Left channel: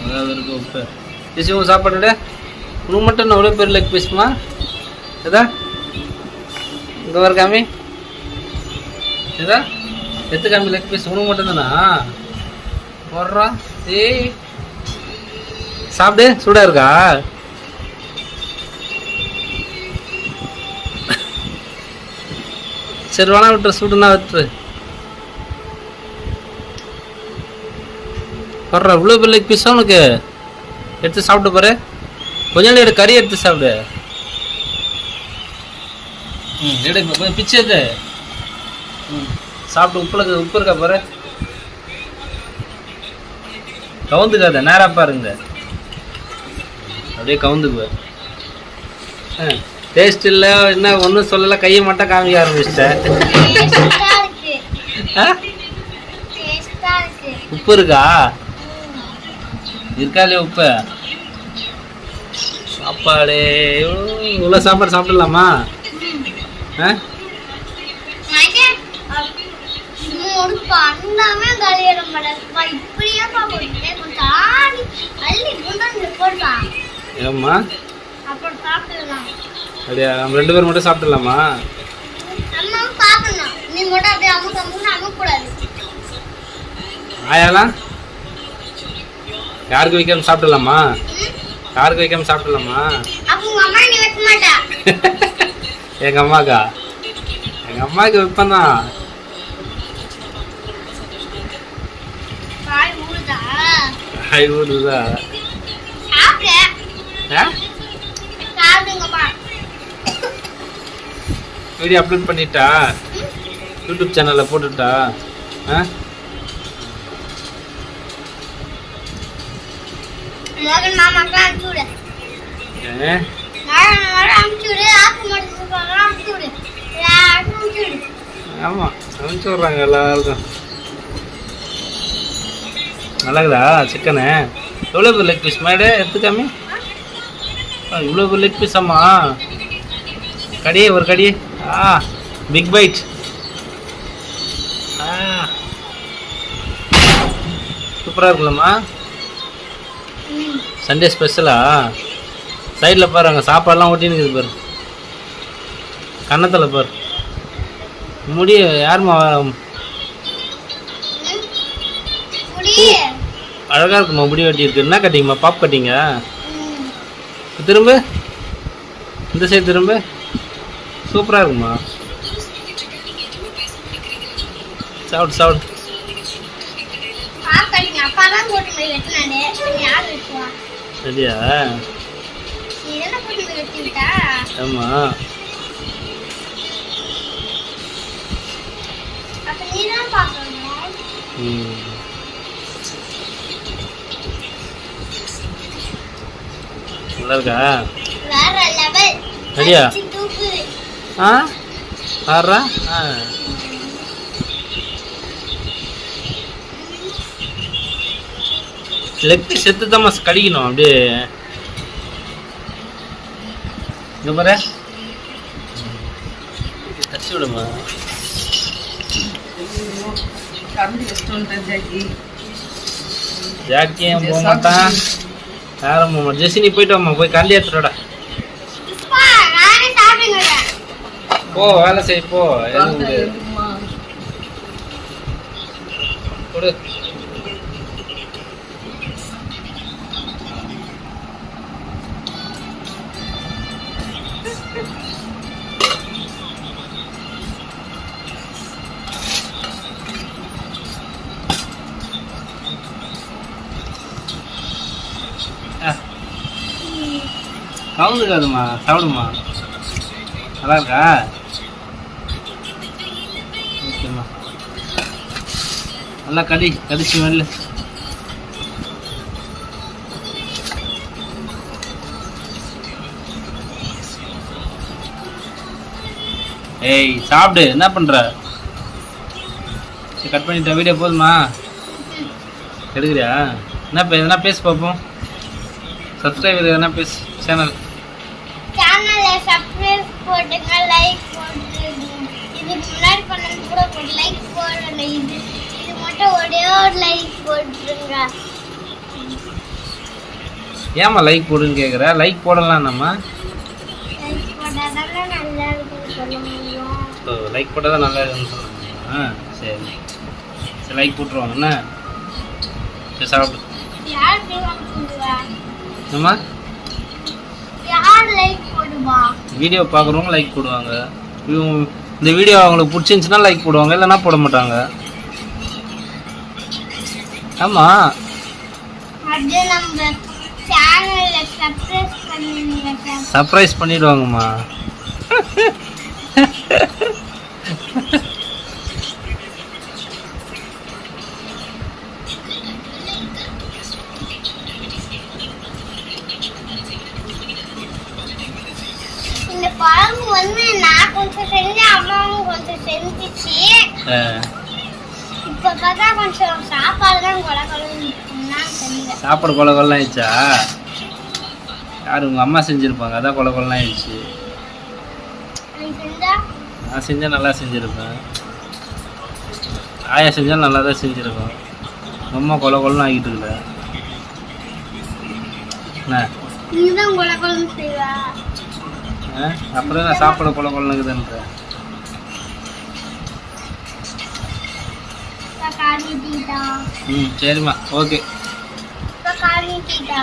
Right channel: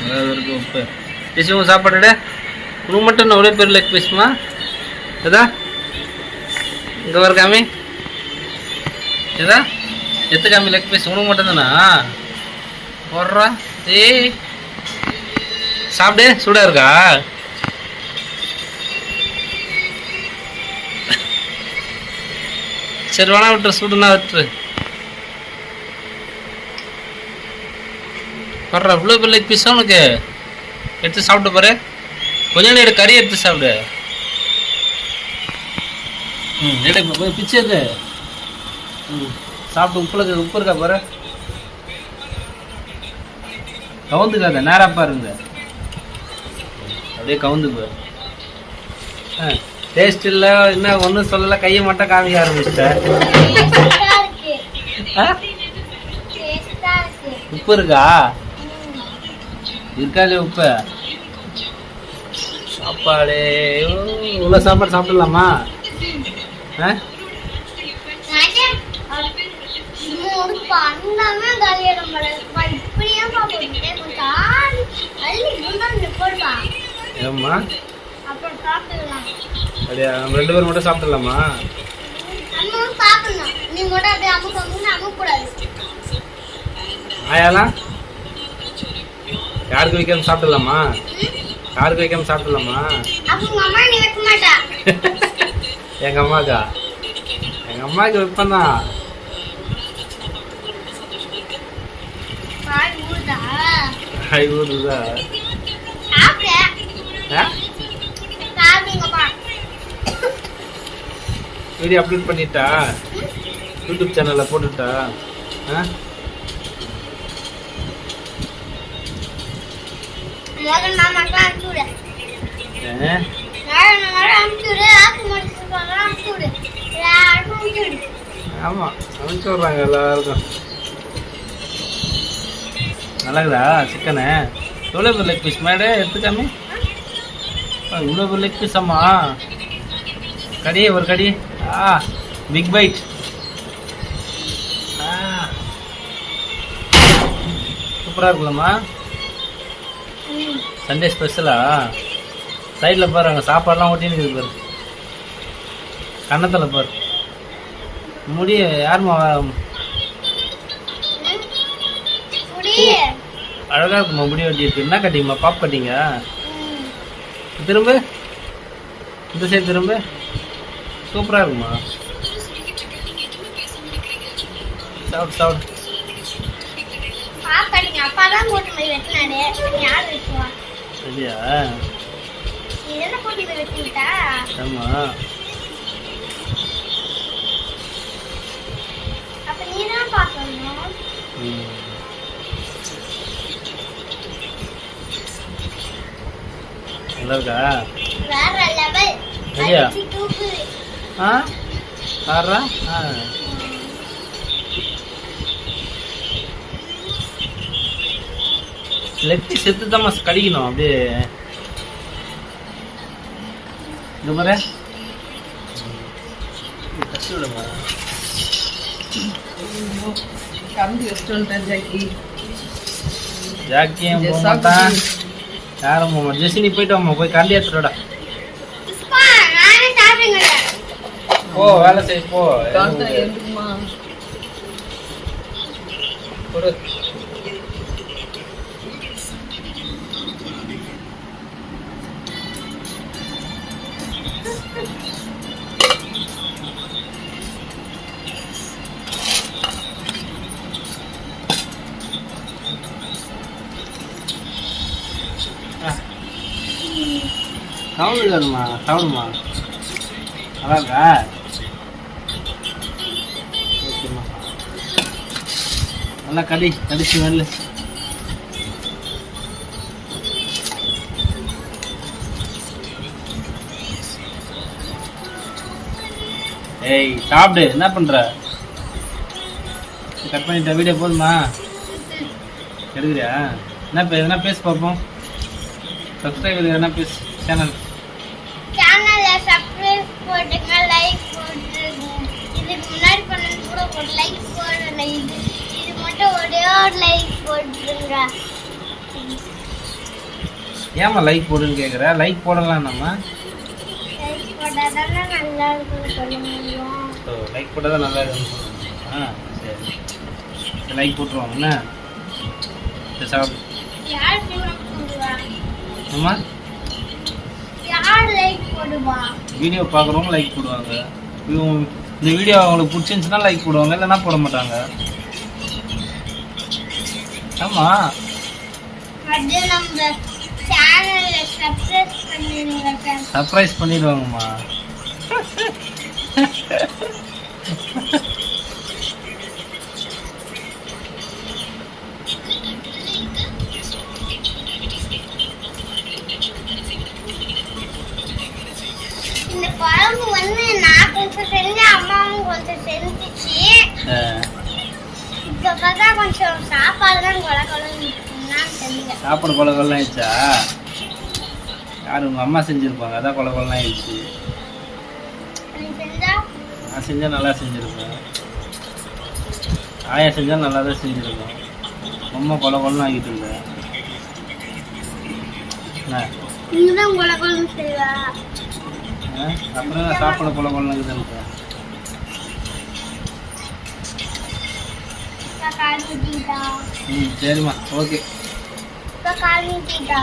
அதாவது இருக்கு உப்பு பேசுவோம் சாப்பாடு உனக்கு மட்டும் ஒரே பேர் லெக் பீஸ்மா ஏதா இங்கே வர காமி ஏதா எத்து காமி லெக் பீஸ் உனக்கு மட்டும்தானா வர்றா ஏய் சாப்பிடு சூடாக இருக்கா சரி வேணா விட்டுரு சூடுனா விட்டுரு வர்றா இவ்வளோ பெரிய பீஸா உனக்கு எடுத்து சாப்பிட்டு பாரு கொஞ்சம் நேரம் கறி எடுத்து சாப்பிடு எடு கொஞ்சம் பிச்சு எடு சாப்பிட்டு உப்பு இருக்கா பாரு கவுந்துக்காத நேராக பாருங்க அப்படியே கவுந்துக்கு டேஸ்ட் இல்லை என்ன ஒன்றும் சொல்லலை கையை மட்டும் காமிக்க ஆரம்பிச்சிட்டேன் உப்பு இருக்கா இருக்கா இல்லையா உப்பு சாப்பாடு இவ்வளோ சாப்பாடு சாப்பிடலாமா ஏம்மா அப்படியா நம்ம 2 பேரும் மட்டும் சாப்பிடலாமா ஆயாலாம் யாருக்கு வைக்காம சாப்பிடலாமா யாருக்கு வைக்காம சாப்பிடலாமா எங்க அம்மாக்கா எங்க அம்மாவுக்கு வைப்பந்தான் ஊருதா வீடியோ அப்லோட் பண்ணிட்டா யூடியூப் சேனல்ல போட்டுட்டா ஆமா அனுப்பிச்சு விட்றாங்க எல்லாருக்கும் நல்லாக்குதா சிக்கனு எவ்வளோ பேர் லெக் பீஸ் மேடு எடுத்துக்காமி இவ்வளோ பேர் லெக் பீஸ் அம்மா கடியே ஒரு கடி பிக் பைட் சூப்பராக இருக்குல்லம்மா சண்டே ஸ்பெஷலா சைடில் பாரு அங்கே சாப்பாடெலாம் ஓட்டின்னு இருக்குது பாரு கன்னத்தில் பாரு முடி யாருமா அழகாக இருக்குமா முடி வெட்டி இருக்கு என்ன கட்டிங்கம்மா பாப் கட்டிங்க திரும்ப இந்த சைடு திரும்ப சூப்பராக இருக்குமா சாப்பிடு சாப்பிடு சரியா ஆமா நல்லா இருக்கா சரியா பாடுறா லெக் செத்து தான் கடிக்கணும் அப்படியே இந்த மாதிரி தச்சு விடுமா ஜாக்கியும் போக மாட்டான் யாரும் போக மாட்டான் ஜெசினி போயிட்டு வாம்மா போய் கண்டி எடுத்துட்டோட போ வேலை செய் போ கொடு சாப்பிடுமா சாப்பிடுமா நல்லா இருக்கா ஓகேம்மா நல்லா கடிச்சு வரல ஏய் சாப்பிடு என்ன பண்ற கட் பண்ணிட்ட வீடியோ போதுமா எடுக்கிறியா என்ன எதனா பேச பார்ப்போம் சப்ஸ்கிரைபர் எதனா பேச சேனலை சப்ஸ்கிரைப் போட்டுங்க லைக் போட்டுருங்க இதுக்கு முன்னாடி பண்ணது கூட போட்டு லைக் போடல இது மட்டும் போட்டுருங்க. ஏம்மா லைக் போடுன்னு கேட்குற? லைக் போடலாம் நம்ம. லைக் போட்டாதானே நல்லா இருக்கும்னு சொல்ல முடியும். ஓ, லைக் போட்டால் தான் நல்லா இருக்குன்னு சொல்லுங்க. சரி சரி, லைக் போட்டுருவாங்க என்ன? சரி, சாப்பிடு. யார் லைக் போடுவா? அம்மா, யார் லைக் போடுவா? வீடியோ பார்க்குறவங்க லைக் போடுவாங்க. இந்த வீடியோ அவங்களுக்கு பிடிச்சிருந்துச்சுன்னா லைக் போடுவாங்க, இல்லைன்னா போட மாட்டாங்க. ஆமாம், அது நம்ம சேனல்ல சப்ஸ்கிரைப் பண்ணிடுங்க சார். சர்ப்ரைஸ் பண்ணிடுவாங்கம்மா. இந்த குழம்பு வந்து நான் கொஞ்சம் செஞ்சேன், அம்மாவும் கொஞ்சம் செஞ்சிச்சு. இப்ப பார்த்தா கொஞ்சம் சாப்பாடு தான் கொலை கொலைன்னு தெரியல. சாப்பாடு கொலை கொல்லாம் ஆயிடுச்சா? யார் உங்கள் அம்மா செஞ்சுருப்பாங்க, அதான் கொலை கொல்லாம் ஆயிடுச்சு. நீ செஞ்சா? நான் செஞ்சால் நல்லா செஞ்சுருப்பேன். ஆயா செஞ்சால் நல்லா தான் செஞ்சுருப்பேன். ரொம்ப கொலை கொல்லாம் ஆகிட்டு இல்லை என்ன? நீதான் கொலை கொலைன்னு செய்வா. அப்புறம் நான் சாப்பாடு கொலை கொள்ளாங்குதுன்ற. காலி டீட்டா. சரிம்மா, ஓகே. காலி டீட்டா.